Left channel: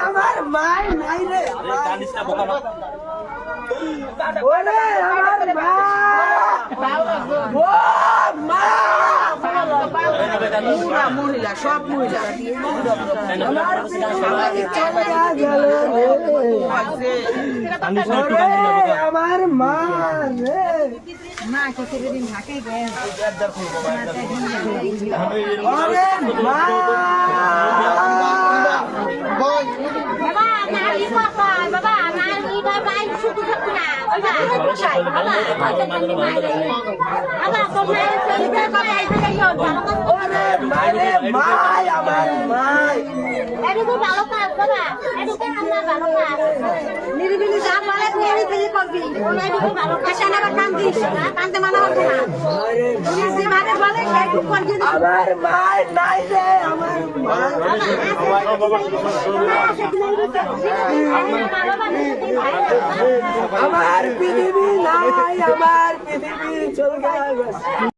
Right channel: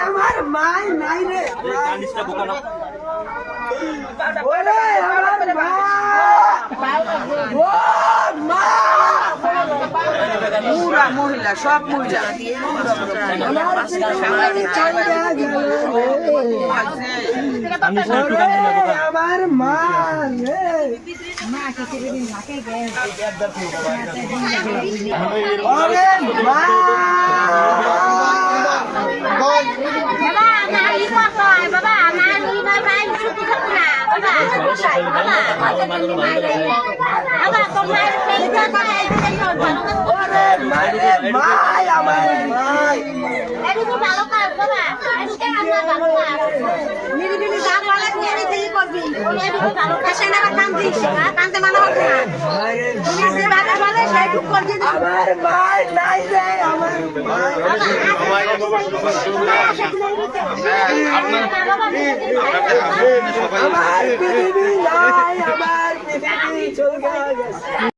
আমার মা নাই রে ওরে আমার মা ও মা পুরা মহিলা সব মহিলা আমার মা রে মা কিছুদিন থাকে মা বাবা নিরিবিলি যা বলে নিয়ে করবি কান দিস কানতে মানা করবি না পুলিশ যেভাবে বলে সেইটুক করবি আমার মা নাই রে আমার মা আমার পৃথিবী নাই আমার পৃথিবী চলে গেছে